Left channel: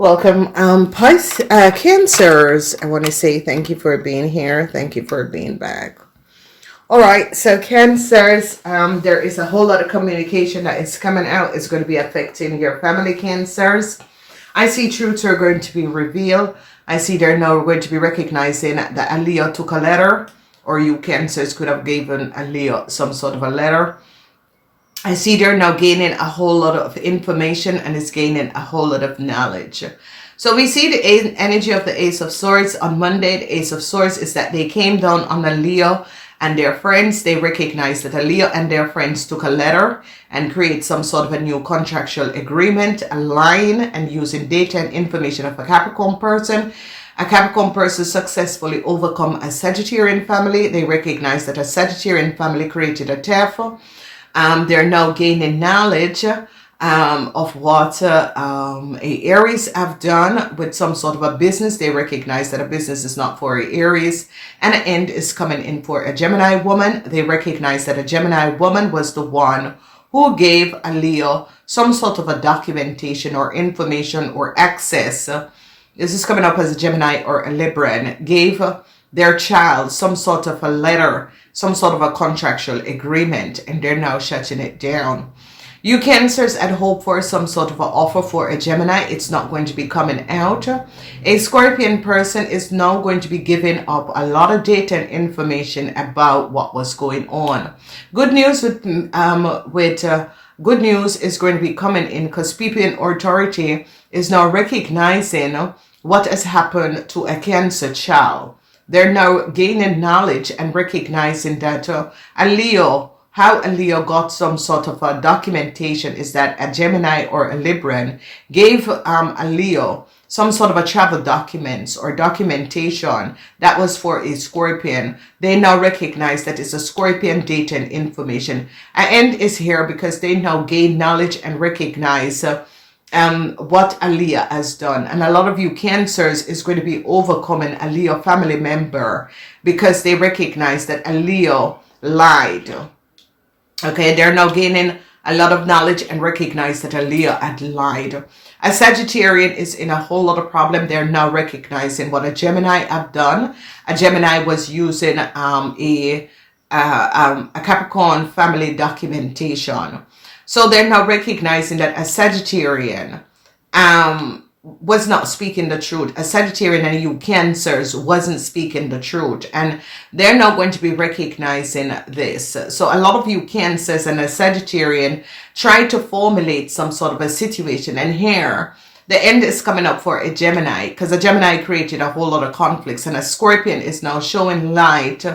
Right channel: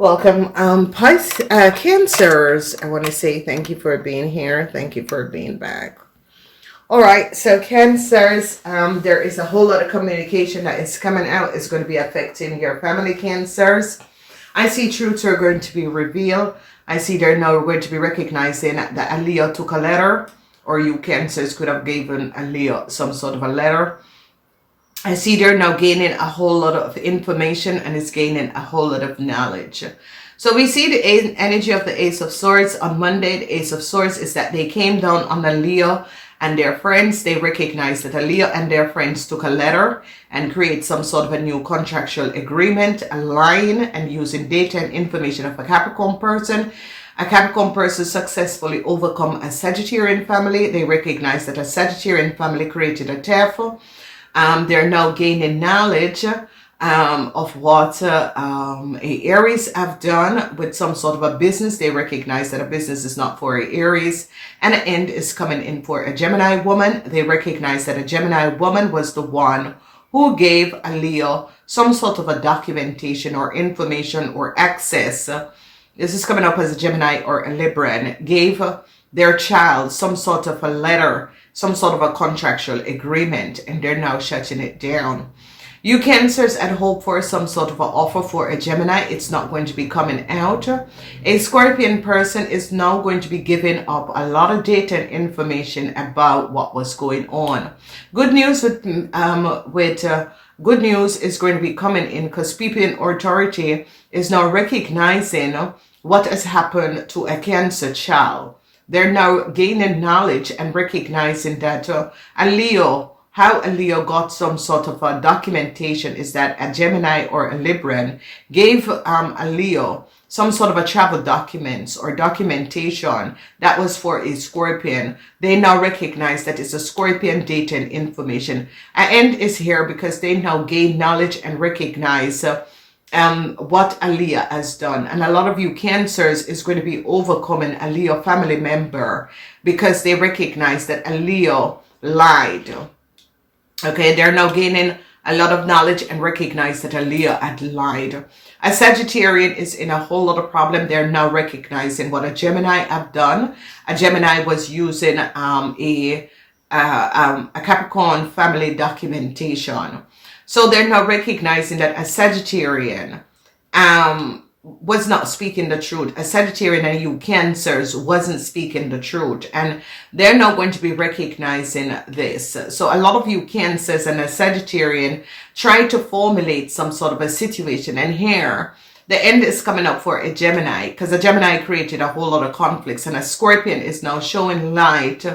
Welcome, Cancers. I want to say thank you for being here. Thank you for being back. All right, so Cancers, there is a whole lot of communication that is coming out. It's going to be affecting your family, Cancers. I see truths are going to be revealed. I see they're now going to be recognizing that a Leo took a letter, or you Cancers could have given a Leo some sort of a letter. I see they're now gaining a whole lot of information and is gaining a whole lot of knowledge. So we see the energy of the Ace of Swords on Monday. The Ace of Swords is that they came down on a Leo and their friends. They recognized that a Leo and their friends took a letter and create some sort of a new contractual agreement, align and using data and information of a Capricorn person. A Capricorn person successfully overcome a Sagittarian family. They recognize that a Sagittarian family created a turf. They're now gaining knowledge of what Aries have done with some sort of a business. They recognize that a business is not for Aries, and an end is coming in for a Gemini woman. They recognize that a Gemini woman was the one who gave a Leo some sort of a documentation or information or access. This is coming up as a Gemini or a Libran, gave their child some sort of a letter, some sort of a contractual agreement, and they're now shutting it down. You Cancers had hoped for some sort of an offer for a Gemini. It's not going to be coming out. A Scorpion person is now going to be giving up a lot of data and information about what was going on. Good news good news is going to be coming in because people in authority is now recognizing what has happened to a Cancer child. They're now gaining knowledge and recognizing that how a Leo got some sort of a documentation is that a Gemini or a Libran gave a Leo some sort of a travel documents or documentation that was for a Scorpion. They now recognize that it's a Scorpion data and information. An end is here because they now gain knowledge and recognize what a Leo has done. And a lot of you Cancers is going to be overcoming a Leo family member because they recognize that a Leo lied. Okay, they're now gaining a lot of knowledge and recognize that a Leo had lied. A Sagittarian is in a whole lot of problem. They're now recognizing what a Gemini have done. A Gemini was using a Capricorn family documentation. So they're now recognizing that a Sagittarian was not speaking the truth. A Sagittarian and you Cancers wasn't speaking the truth. And they're now going to be recognizing this. So a lot of you Cancers and a Sagittarian try to formulate some sort of a situation. And here, the end is coming up for a Gemini because a Gemini created a whole lot of conflicts. And a Scorpion is now showing light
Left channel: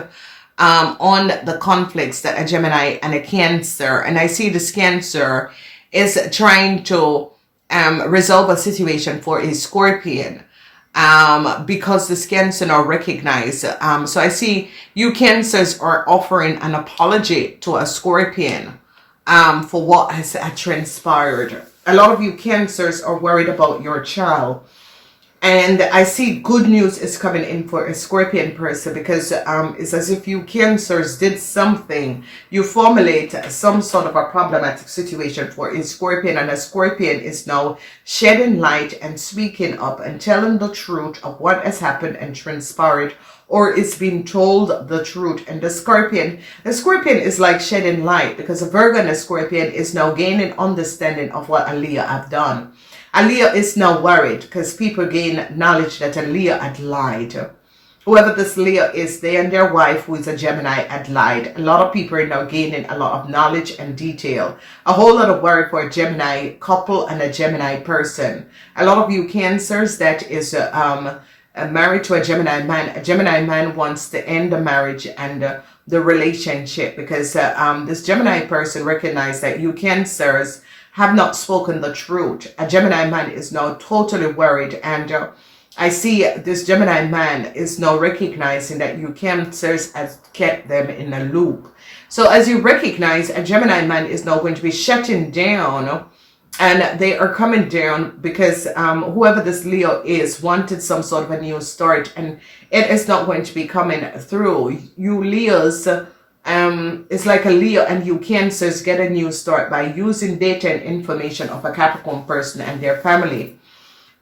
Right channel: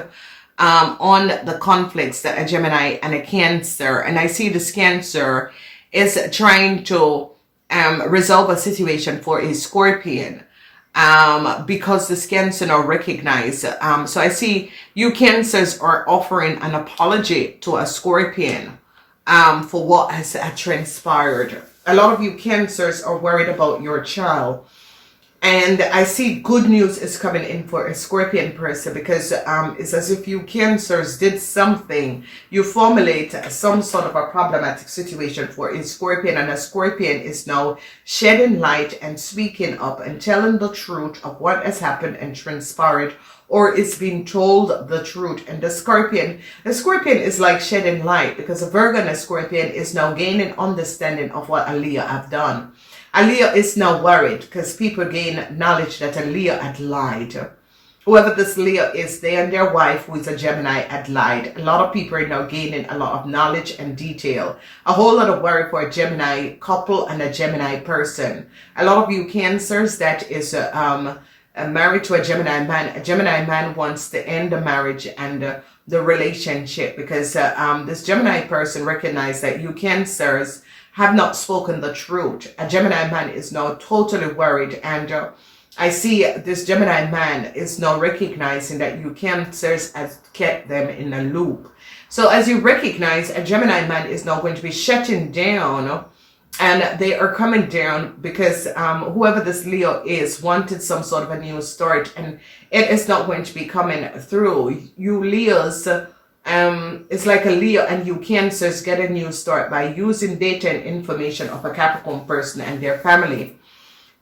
on the conflicts that a Gemini and a Cancer, and I see this Cancer is trying to resolve a situation for a Scorpion because this Cancer now recognize. So I see you Cancers are offering an apology to a Scorpion for what has transpired. A lot of you Cancers are worried about your child. And I see good news is coming in for a Scorpion person because it's as if you Cancers did something. You formulate some sort of a problematic situation for a Scorpion, and a Scorpion is now shedding light and speaking up and telling the truth of what has happened and transpired, or is being told the truth. And the Scorpion is like shedding light because a Virgo and a Scorpion is now gaining understanding of what a Leo have done. A Leo is now worried because people gain knowledge that a Leo had lied. Whoever this Leo is, they and their wife, who is a Gemini, had lied. A lot of people are now gaining a lot of knowledge and detail. A whole lot of worry for a Gemini couple and a Gemini person. A lot of you Cancers that is married to a Gemini man. A Gemini man wants to end the marriage and the relationship because this Gemini person recognizes that you Cancers have not spoken the truth. A Gemini man is now totally worried, and I see this Gemini man is now recognizing that you Cancers has kept them in a loop. So as you recognize, a Gemini man is now going to be shutting down, and they are coming down because whoever this Leo is wanted some sort of a new start, and it is not going to be coming through. You Leos, it's like a Leo and you Cancers get a new start by using data and information of a Capricorn person and their family.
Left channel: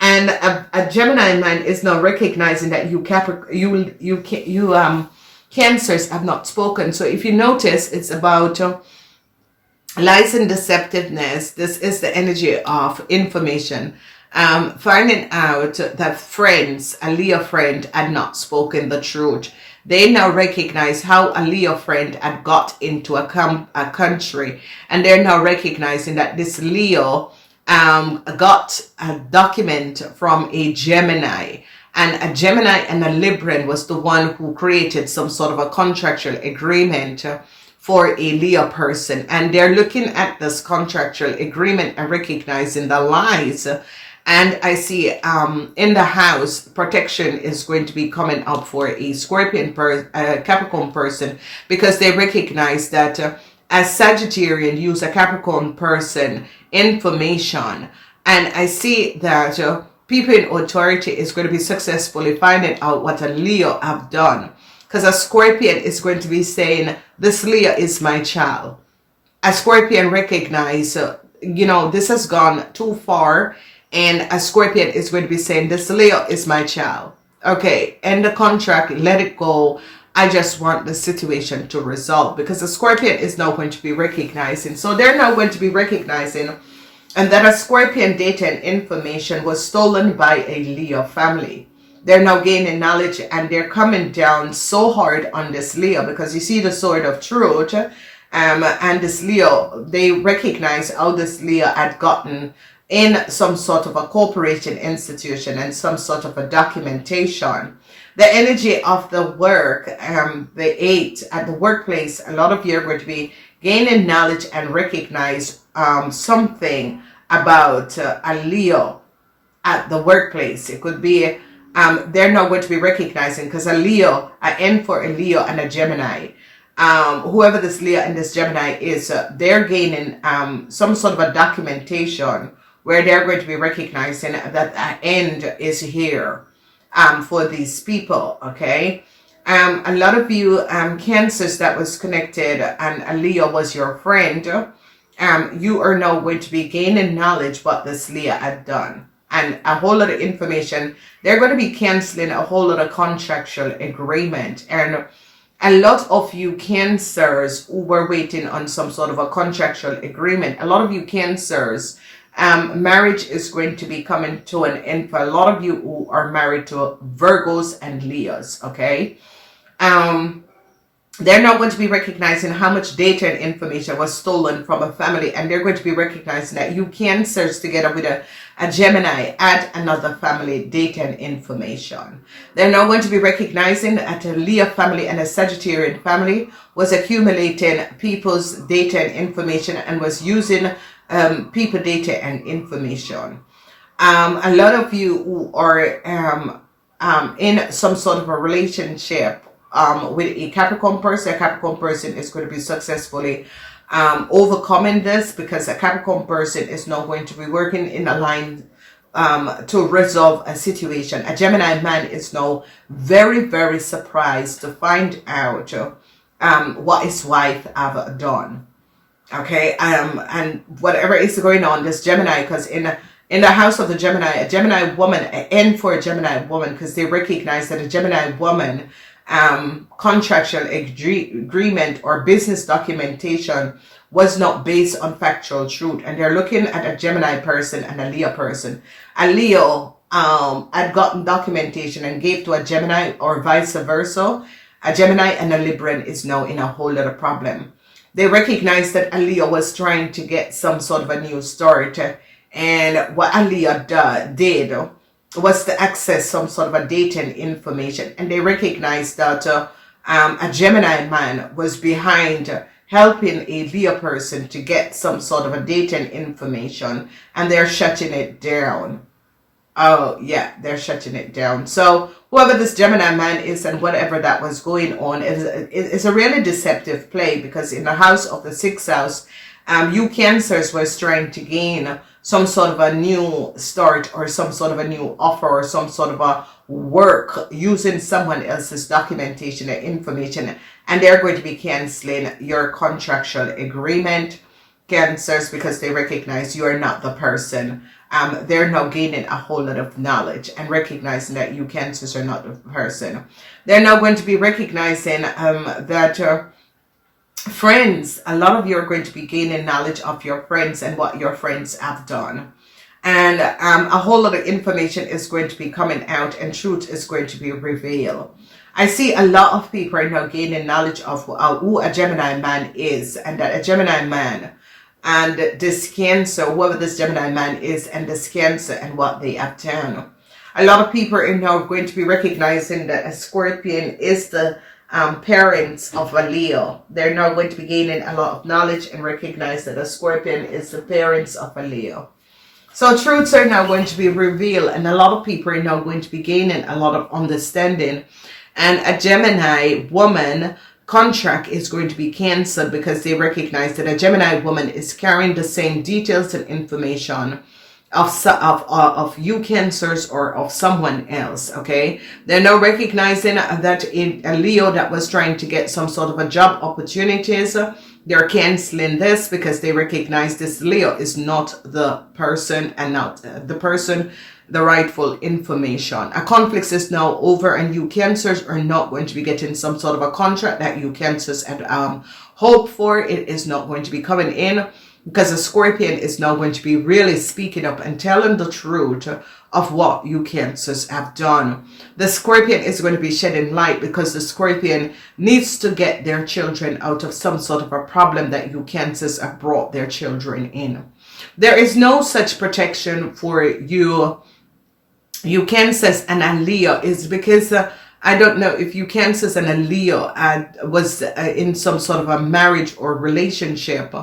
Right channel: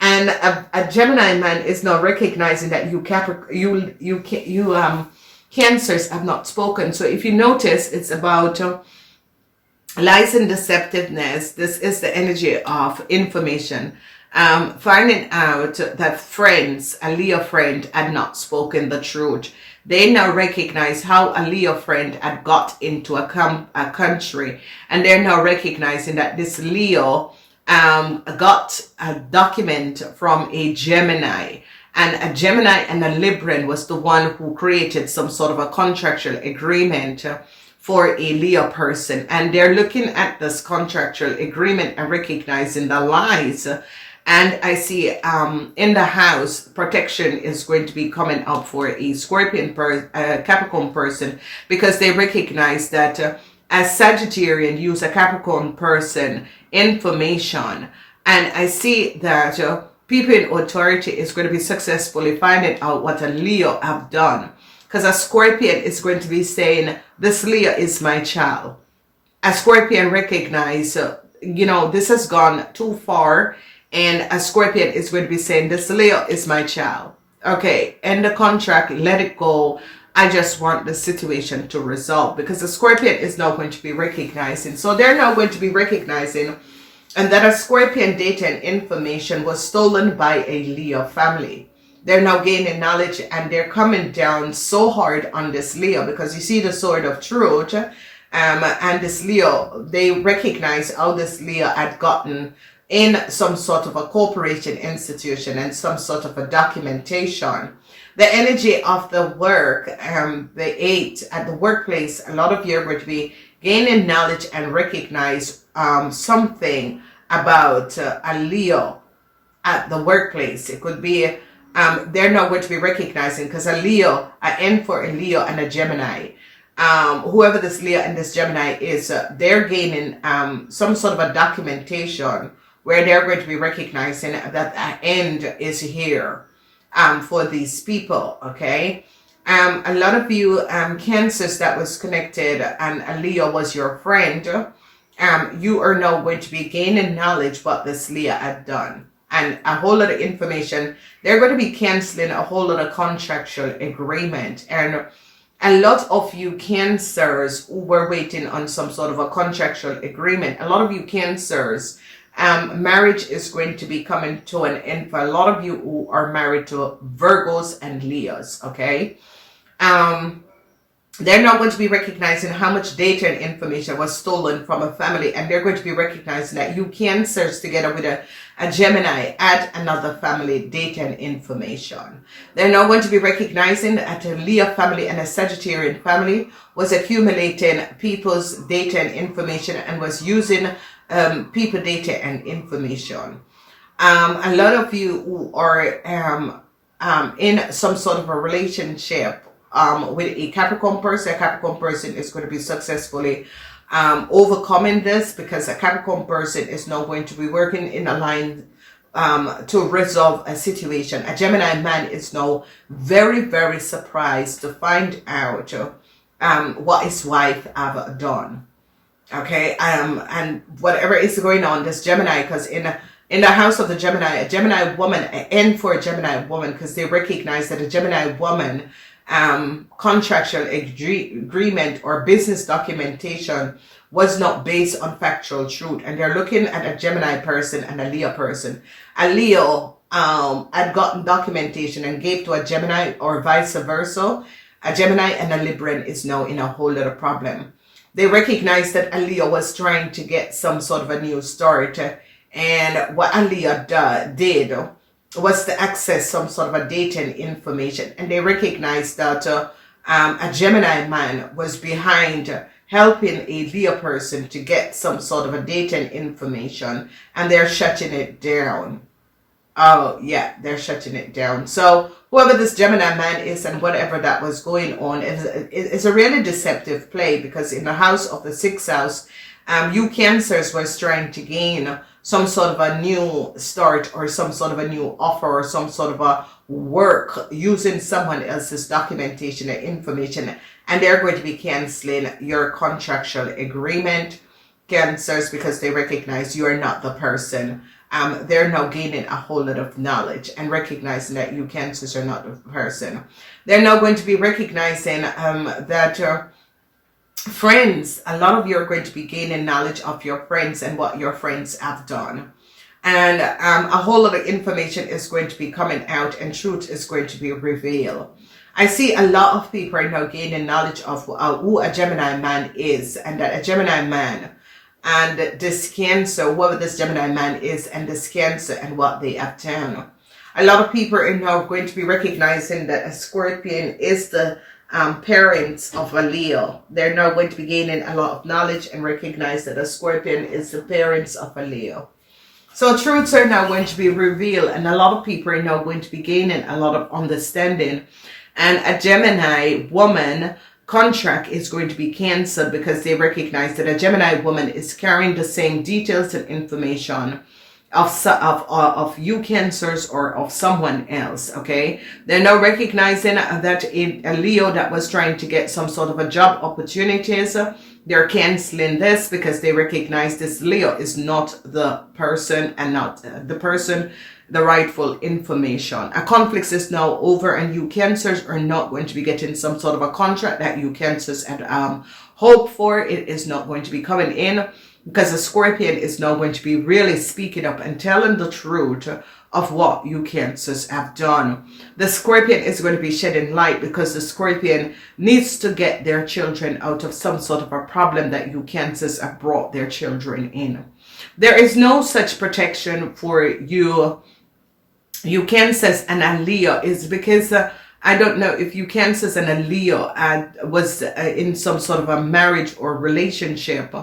And a Gemini man is now recognizing that Cancers have not spoken. So if you notice, it's about lies and deceptiveness. This is the energy of information. Finding out that friends, a Leo friend, had not spoken the truth. They now recognize how a Leo friend had got into a country, and they're now recognizing that this Leo got a document from a Gemini, and a Gemini and a Libran was the one who created some sort of a contractual agreement for a Leo person, and they're looking at this contractual agreement and recognizing the lies. And I see in the house, protection is going to be coming up for a Capricorn person, because they recognize that as Sagittarian use a Capricorn person information. And I see that people in authority is going to be successfully finding out what a Leo have done. Because a Scorpion is going to be saying, this Leo is my child. A Scorpion recognize, this has gone too far. And a Scorpion is going to be saying, this Leo is my child. Okay, end the contract, let it go. I just want the situation to resolve, because the Scorpion is now going to be recognizing. So they're now going to be recognizing and that a Scorpion data and information was stolen by a Leo family. They're now gaining knowledge, and they're coming down so hard on this Leo, because you see the sword of truth. And this Leo, they recognize how this Leo had gotten in some sort of a corporation institution and some sort of a documentation. The energy of the work, the 8 at the workplace, a lot of you are going to be gaining knowledge and recognize something about a Leo at the workplace. It could be, they're not going to be recognizing, because a Leo, an N for a Leo and a Gemini. Whoever this Leo and this Gemini is, they're gaining some sort of a documentation where they're going to be recognizing that an end is here for these people, okay? A lot of you Cancers that was connected and a Leo was your friend, you are now going to be gaining knowledge what this Leo had done. And a whole lot of information, they're going to be canceling a whole lot of contractual agreement. And a lot of you Cancers who were waiting on some sort of a contractual agreement, a lot of you Cancers, marriage is going to be coming to an end for a lot of you who are married to Virgos and Leos, okay? They're not going to be recognizing how much data and information was stolen from a family, and they're going to be recognizing that you Cancers together with a Gemini add another family data and information. They're now going to be recognizing that a Leo family and a Sagittarian family was accumulating people's data and information and was using people data and information. A lot of you who are in some sort of a relationship with a Capricorn person is going to be successfully overcoming this, because a Capricorn person is now going to be working in a line to resolve a situation. A Gemini man is now very, very surprised to find out what his wife have done. Okay, and whatever is going on, this Gemini, because in the house of the Gemini, a Gemini woman, an N for a Gemini woman, because they recognize that a Gemini woman contractual agreement or business documentation was not based on factual truth, and they're looking at a Gemini person and a Leo person. A Leo had gotten documentation and gave to a Gemini, or vice versa. A Gemini and a Libran is now in a whole lot of problem. They recognize that a Leo was trying to get some sort of a new start, and what a Leo did was to access some sort of a data and information, and they recognized that a Gemini man was behind helping a Leo person to get some sort of a data and information, and they're shutting it down. Oh yeah, they're shutting it down. So whoever this Gemini man is and whatever that was going on is a really deceptive play, because in the house of the 6th house, you Cancers was trying to gain some sort of a new start or some sort of a new offer or some sort of a work using someone else's documentation and information, and they're going to be canceling your contractual agreement, Cancers, because they recognize you're not the person they're now gaining a whole lot of knowledge and recognizing that you Cancers are not the person. They're now going to be recognizing that friends, a lot of you are going to be gaining knowledge of your friends and what your friends have done. And a whole lot of information is going to be coming out and truth is going to be revealed. I see a lot of people are now gaining knowledge of who a Gemini man is, and that a Gemini man and this Cancer, whoever this Gemini man is, and this Cancer and what they have done. A lot of people are now going to be recognizing that a Scorpion is the parents of a Leo. They're now going to be gaining a lot of knowledge and recognize that a Scorpion is the parents of a Leo. So truths are now going to be revealed, and a lot of people are now going to be gaining a lot of understanding. And a Gemini woman contract is going to be canceled because they recognize that a Gemini woman is carrying the same details and information of you Cancers or of someone else. Okay, they're now recognizing that in a Leo that was trying to get some sort of a job opportunities, they're canceling this because they recognize this Leo is not the person and not the rightful information. A conflict is now over, and you Cancers are not going to be getting some sort of a contract that you Cancers had hoped for. It is not going to be coming in because the Scorpion is now going to be really speaking up and telling the truth of what you Cancers have done. The Scorpion is going to be shedding light because the Scorpion needs to get their children out of some sort of a problem that you Cancers have brought their children in. There is no such protection for you Cancers and a Leo, is because I don't know if you Cancers and a Leo was in some sort of a marriage or relationship.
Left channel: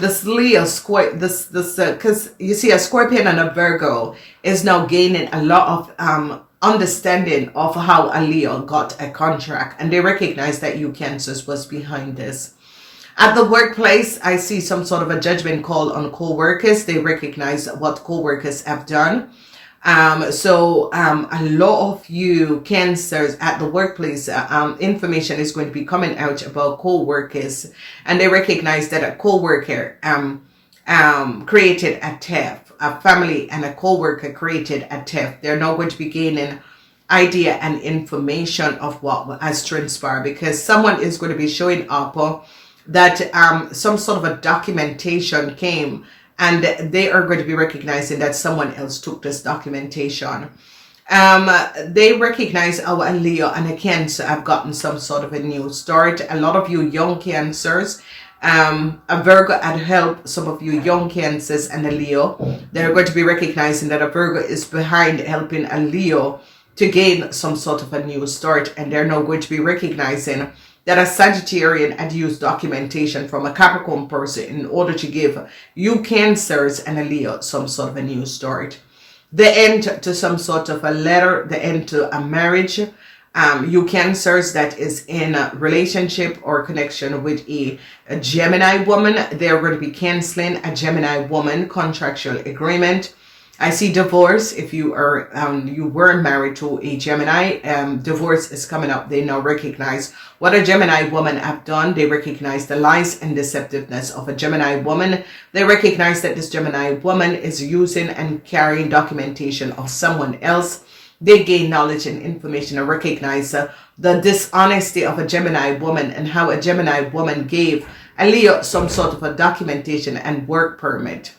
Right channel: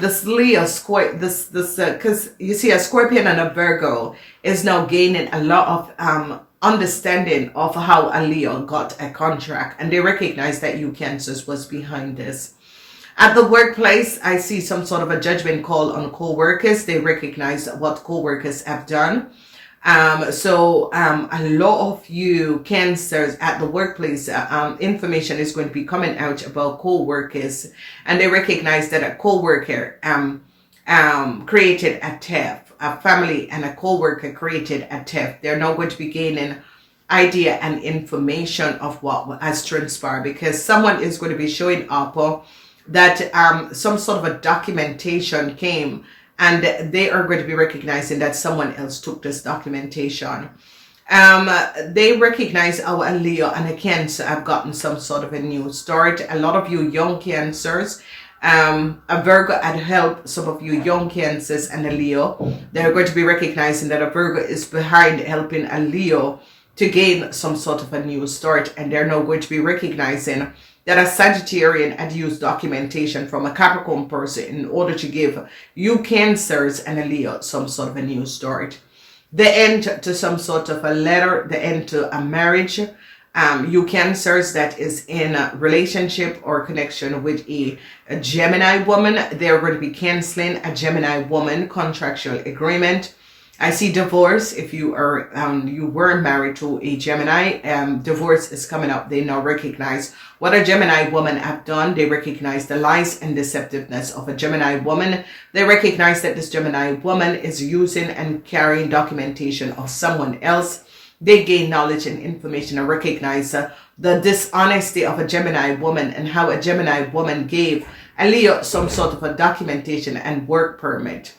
This Leo, because you see a Scorpion and a Virgo is now gaining a lot of understanding of how a Leo got a contract, and they recognize that you Cancers was behind this. At the workplace, I see some sort of a judgment call on co-workers. They recognize what co-workers have done. So a lot of you Cancers at the workplace, information is going to be coming out about co-workers, and they recognize that a co-worker created a theft. A family and a co-worker created a theft. They're now going to be gaining idea and information of what has transpired, because someone is going to be showing up that some sort of a documentation came, and they are going to be recognizing that someone else took this documentation. They recognize our Leo and a Cancer have gotten some sort of a new start. A lot of you young Cancers, a Virgo had helped some of you young Cancers and a Leo. They're going to be recognizing that a Virgo is behind helping a Leo to gain some sort of a new start, and they're now going to be recognizing that a Sagittarian had used documentation from a Capricorn person in order to give you Cancers and a Leo some sort of a new start. The end to some sort of a letter, the end to a marriage. You Cancers that is in a relationship or connection with a Gemini woman, they're going to be canceling a Gemini woman contractual agreement. I see divorce. If you are you were married to a Gemini, divorce is coming up. They now recognize what a Gemini woman have done. They recognize the lies and deceptiveness of a Gemini woman. They recognize that this Gemini woman is using and carrying documentation of someone else. They gain knowledge and information and recognize the dishonesty of a Gemini woman and how a Gemini woman gave a Leo some sort of a documentation and work permit.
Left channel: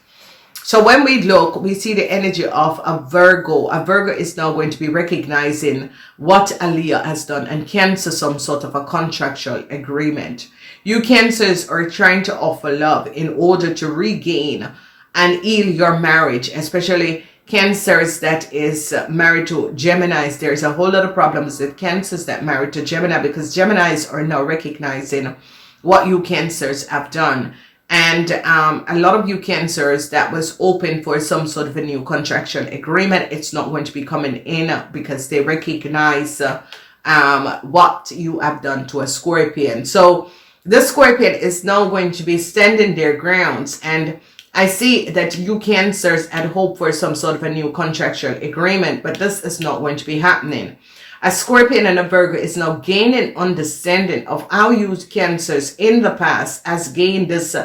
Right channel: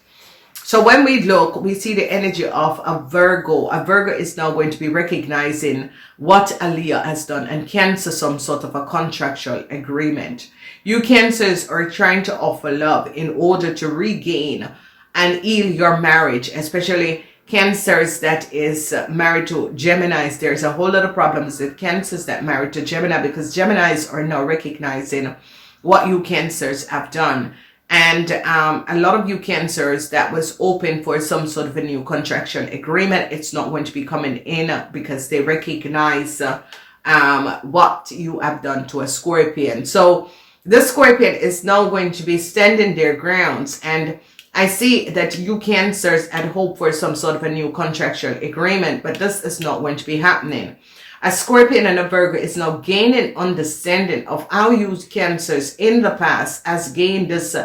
So when we look, we see the energy of a Virgo. A Virgo is now going to be recognizing what a Leo has done and cancel some sort of a contractual agreement. You Cancers are trying to offer love in order to regain and heal your marriage, especially Cancers that is married to Geminis. There's a whole lot of problems with Cancers that married to Gemini, because Geminis are now recognizing what you Cancers have done. And a lot of you Cancers that was open for some sort of a new contractual agreement, it's not going to be coming in because they recognize what you have done to a Scorpion. So the Scorpion is now going to be standing their grounds, and I see that you Cancers had hoped for some sort of a new contractual agreement, but this is not going to be happening. A Scorpion and a Virgo is now gaining understanding of how you Cancers in the past has gained this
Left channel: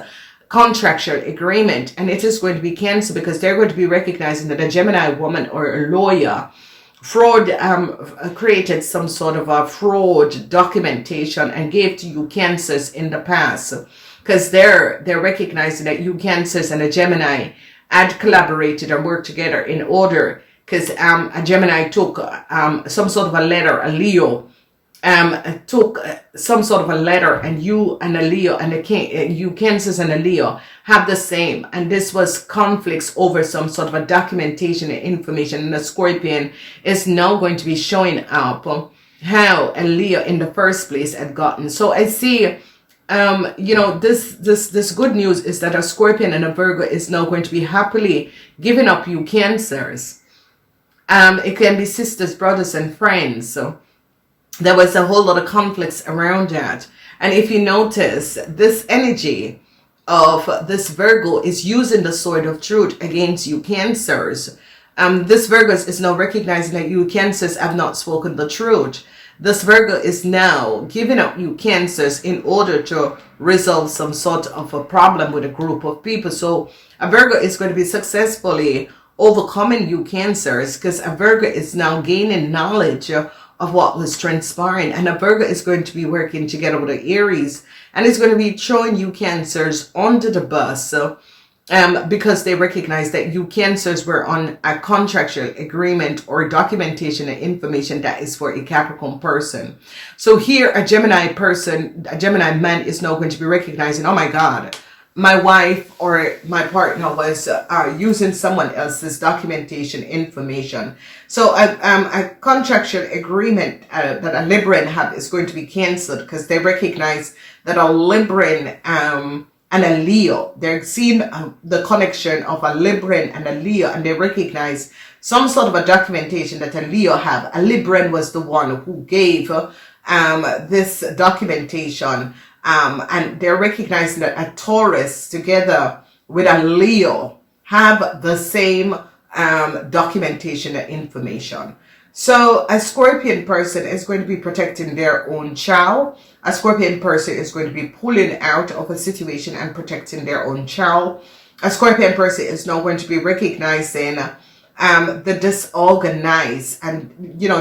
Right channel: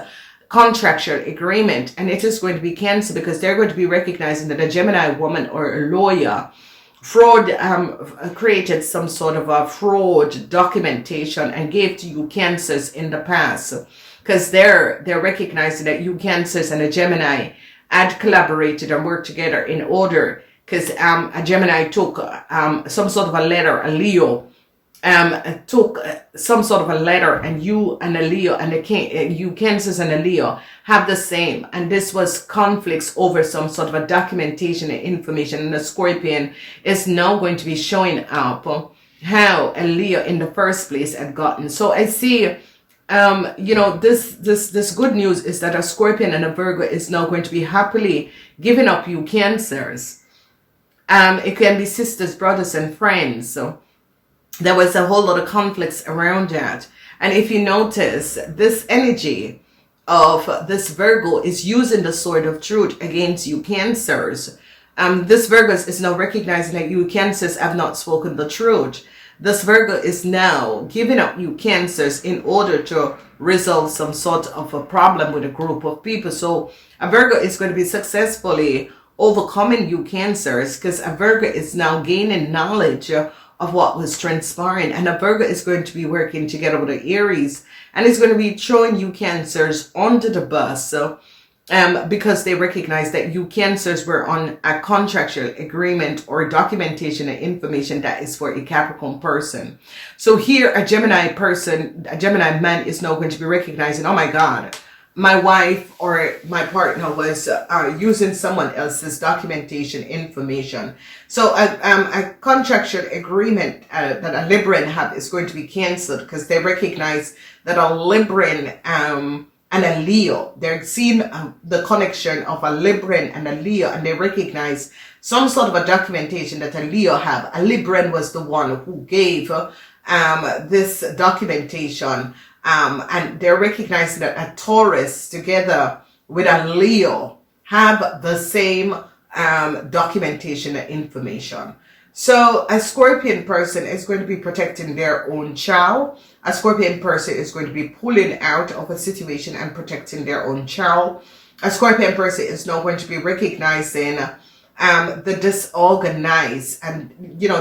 contractual agreement, and it is going to be Cancer, because they're going to be recognizing that a Gemini woman or a lawyer created some sort of a fraud documentation and gave to you Cancers in the past, because they're recognizing that you Cancers and a Gemini had collaborated and worked together in order, because a Gemini took some sort of a letter, a Leo took some sort of a letter, and you and a Leo and you Cancers and a Leo have the same, and this was conflicts over some sort of a documentation and information, and the Scorpion is now going to be showing up how a Leo in the first place had gotten. So I see this good news is that a Scorpion and a Virgo is now going to be happily giving up you Cancers. It can be sisters, brothers, and friends. So there was a whole lot of conflicts around that. And if you notice, this energy of this Virgo is using the sword of truth against you Cancers. This Virgo is now recognizing that you Cancers have not spoken the truth. This Virgo is now giving up you Cancers in order to resolve some sort of a problem with a group of people. So a Virgo is going to be successfully overcoming you Cancers, because a Virgo is now gaining knowledge of what was transpiring, and a Virgo is going to be working together with the Aries, and it's going to be throwing you Cancers under the bus. So because they recognize that you Cancers were on a contractual agreement or documentation and information that is for a Capricorn person. So here a Gemini man is now going to be recognizing, oh my God, my wife or my partner was using someone else's documentation information. So a contractual agreement that a Libran had is going to be cancelled, because they recognize that a Libran and a Leo, they're seeing the connection of a Libran and a Leo, and they recognize some sort of a documentation that a Leo have. A Libran was the one who gave this documentation. And they're recognizing that a Taurus together with a Leo have the same documentation and information. So a Scorpion person is going to be protecting their own child. A Scorpion person is going to be pulling out of a situation and protecting their own child. A Scorpion person is now going to be recognizing the disorganized, and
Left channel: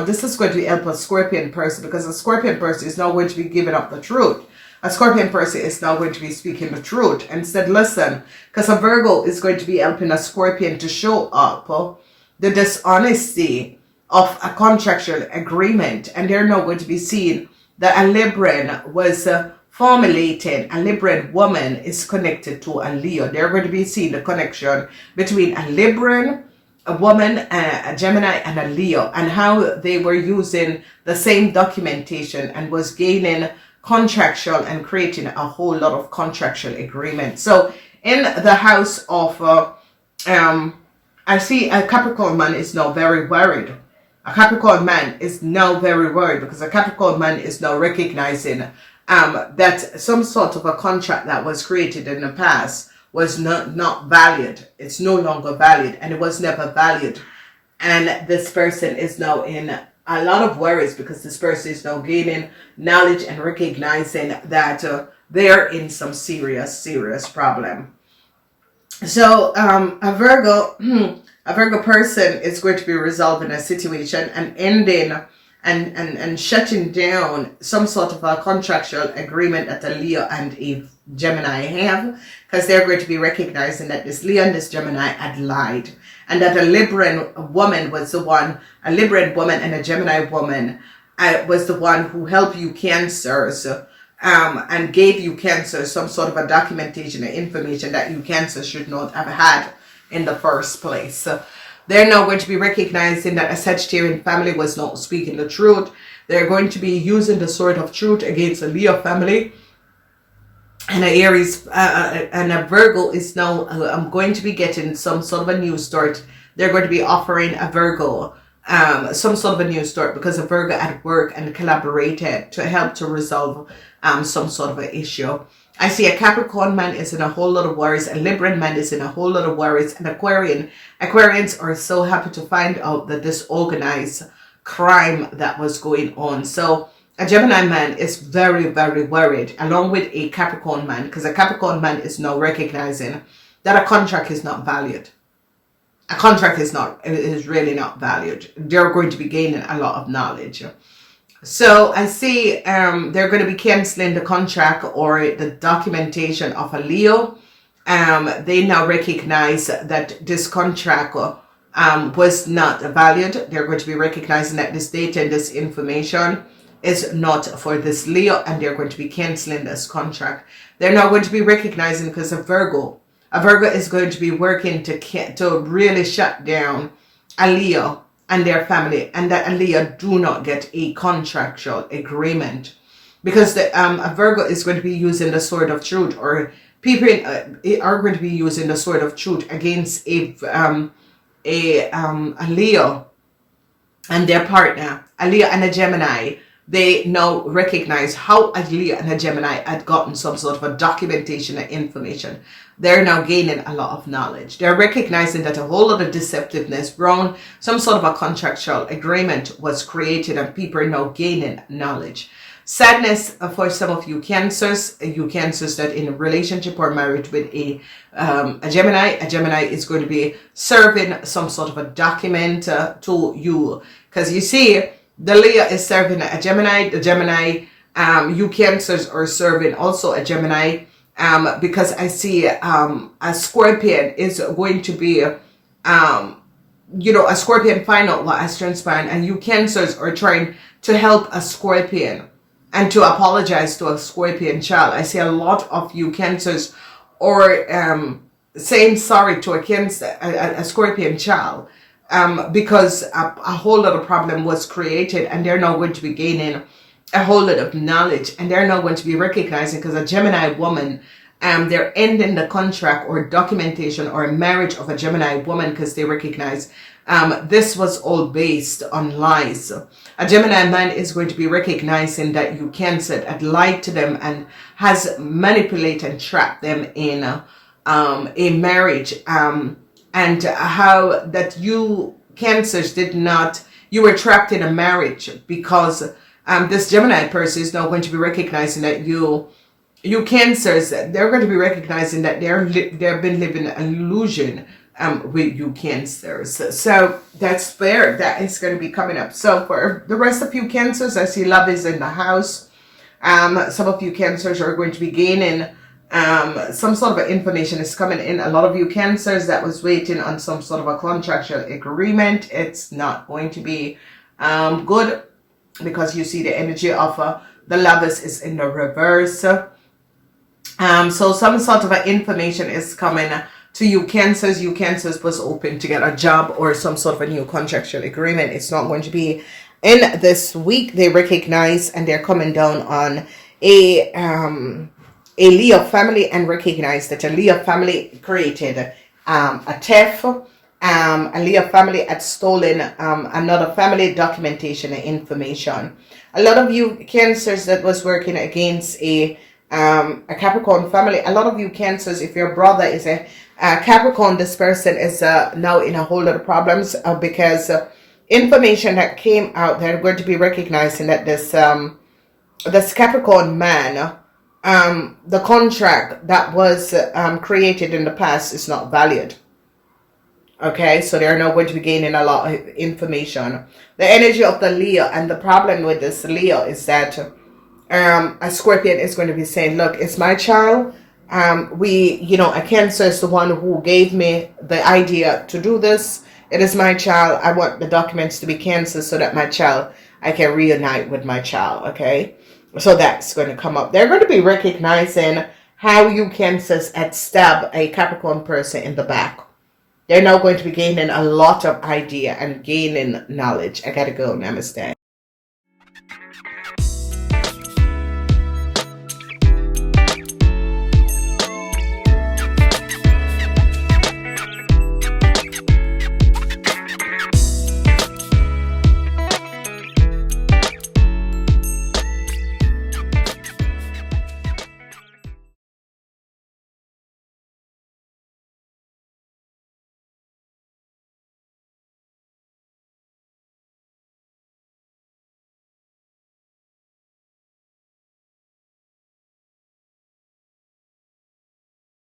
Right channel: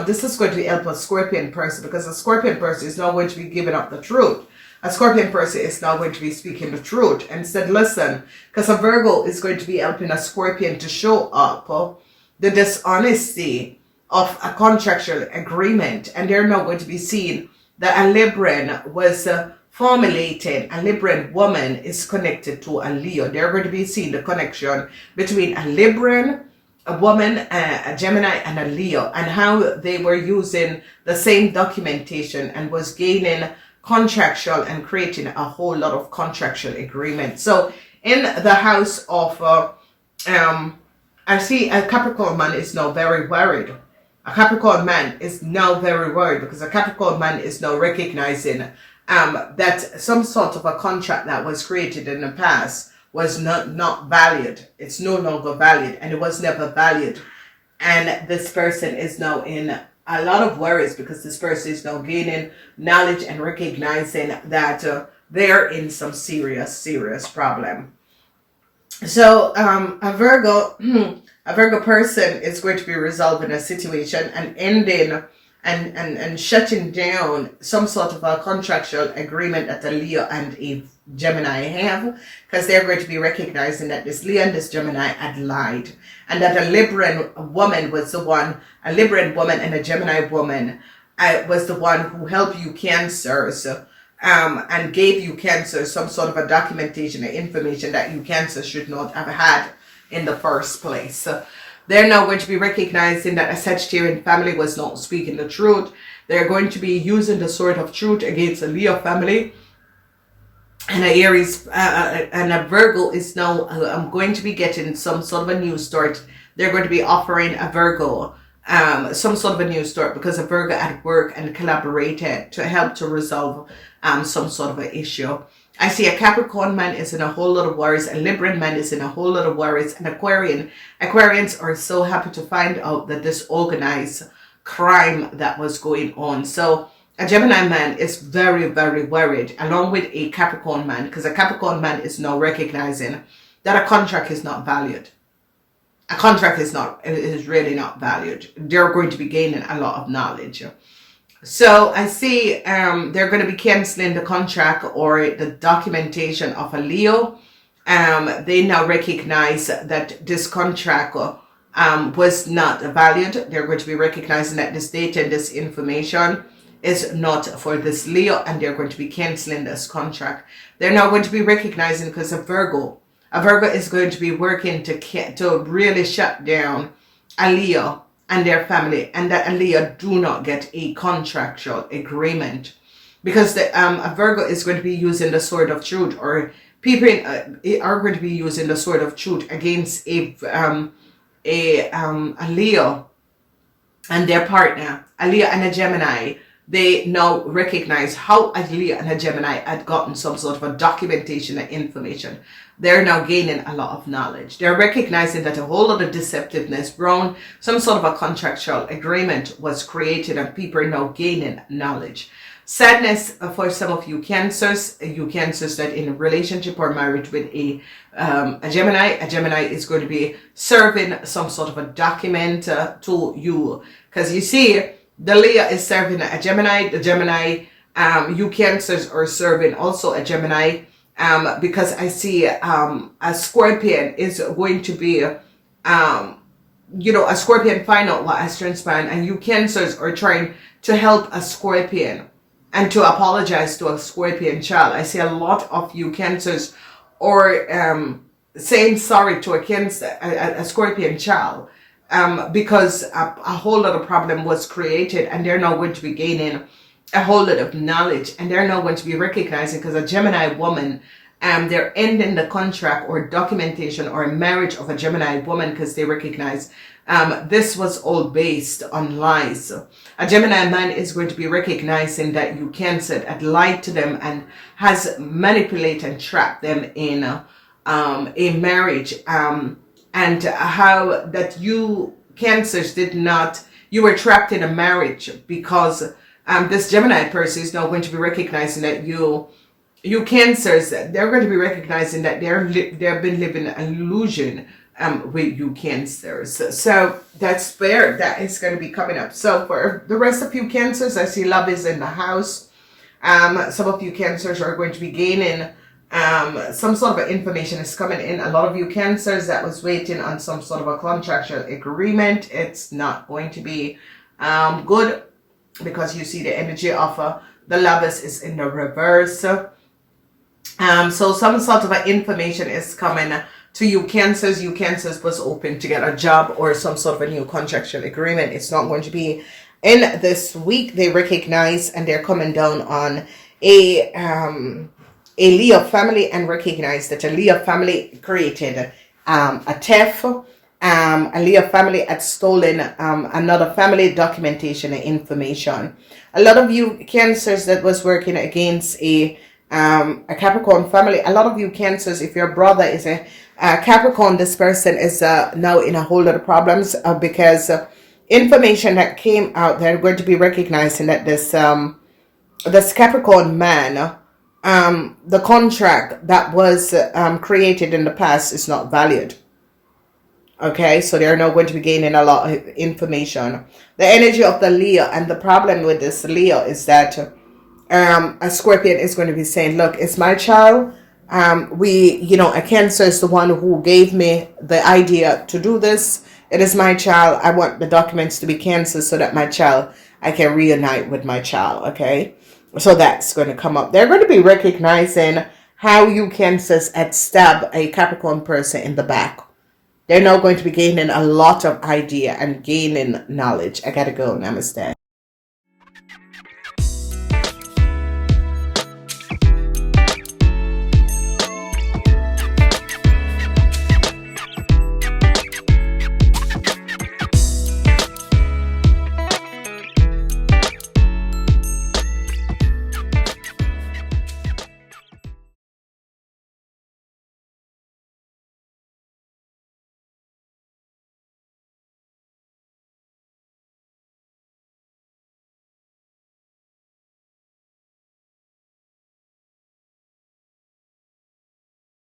this is going to help a Scorpion person, because a Scorpion person is now going to be giving up the truth. A Scorpion person is now going to be speaking the truth and said, listen, because a Virgo is going to be helping a Scorpion to show up the dishonesty of a contractual agreement. And they're now going to be seeing that a Libran was formulating, a Libran woman is connected to a Leo. They're going to be seeing the connection between a Libran, a woman, a Gemini, and a Leo, and how they were using the same documentation and was gaining contractual and creating a whole lot of contractual agreement. So in the house of I see a Capricorn man is now very worried. A Capricorn man is now very worried, because a Capricorn man is now recognizing that some sort of a contract that was created in the past was not valid. It's no longer valid, and it was never valued. And this person is now in a lot of worries, because this person is now gaining knowledge and recognizing that they're in some serious problem. So a Virgo person is going to be resolving a situation and ending and shutting down some sort of a contractual agreement that a Leo and a Gemini have, because they're going to be recognizing that this Leo and this Gemini had lied, and that a Libran woman was the one, a Libran woman and a Gemini woman was the one who helped you Cancers and gave you Cancer some sort of a documentation or information that you Cancer should not have had in the first place. So they're now going to be recognizing that a Sagittarian family was not speaking the truth. They're going to be using the sword of truth against a Leo family. And a Aries and a Virgo is now going to be getting some sort of a new start. They're going to be offering a Virgo some sort of a new start, because a Virgo at work and collaborated to help to resolve some sort of an issue. I see a Capricorn man is in a whole lot of worries, a Libran man is in a whole lot of worries, and Aquarians are so happy to find out that this organized crime that was going on. So A Gemini man is very, very worried, along with a Capricorn man, because a Capricorn man is now recognizing that a contract is not valued. A contract is really not valued. They're going to be gaining a lot of knowledge. So I see they're going to be canceling the contract or the documentation of a Leo. They now recognize that this contract was not valued. They're going to be recognizing that this data and this information is not for this Leo, and they're going to be canceling this contract. They're now going to be recognizing, because of Virgo. A Virgo is going to be working to really shut down a Leo and their family, and that a Leo do not get a contractual agreement, because a Virgo is going to be using the sword of truth, or people are going to be using the sword of truth against a Leo and their partner, a Leo and a Gemini. They now recognize how a Leo and a Gemini had gotten some sort of a documentation and information. They're now gaining a lot of knowledge. They're recognizing that a whole lot of deceptiveness, wrong, some sort of a contractual agreement was created, and people are now gaining knowledge. Sadness for some of you Cancers that in a relationship or married with a Gemini. A Gemini is going to be serving some sort of a document to you, because you see, the Leo is serving a Gemini. The Gemini, you Cancers are serving also a Gemini, because I see a Scorpion is going to be, a Scorpion find out what has transpired, and you Cancers are trying to help a Scorpion and to apologize to a Scorpion child. I see a lot of you Cancers or saying sorry to a Scorpion child. Because a whole lot of problem was created, and they're now going to be gaining a whole lot of knowledge, and they're now going to be recognizing, because a Gemini woman, they're ending the contract or documentation or marriage of a Gemini woman, because they recognize this was all based on lies. A Gemini man is going to be recognizing that you Cancer had lied to them and has manipulated and trapped them in a marriage. And how that you Cancers you were trapped in a marriage, because this Gemini person is now going to be recognizing that you Cancers, they're going to be recognizing that they've been living an illusion with you Cancers. So that's fair. That is going to be coming up. So for the rest of you Cancers, I see love is in the house. Some of you Cancers are going to be gaining some sort of information is coming in. A lot of you Cancers that was waiting on some sort of a contractual agreement, it's not going to be good, because you see the energy of the Lovers is in the reverse. So some sort of information is coming to you Cancers. You Cancers was open to get a job or some sort of a new contractual agreement. It's not going to be in this week. They recognize, and they're coming down on a Leo family, and recognize that a Leo family created a theft. A Leo family had stolen another family documentation and information. A lot of you Cancers that was working against a Capricorn family. A lot of you Cancers, if your brother is a Capricorn, this person is now in a whole lot of problems because information that came out, they're going to be recognizing that this Capricorn man, the contract that was created in the past is not valued. Okay, so they're now going to be gaining a lot of information. The energy of the Leo, and the problem with this Leo is that a Scorpion is going to be saying, look, it's my child. A Cancer is the one who gave me the idea to do this. It is my child. I want the documents to be canceled so that my child, I can reunite with my child. Okay, so that's going to come up. They're going to be recognizing how you Cancers had stabbed a Capricorn person in the back. They're now going to be gaining a lot of idea and gaining knowledge. I gotta go. Namaste.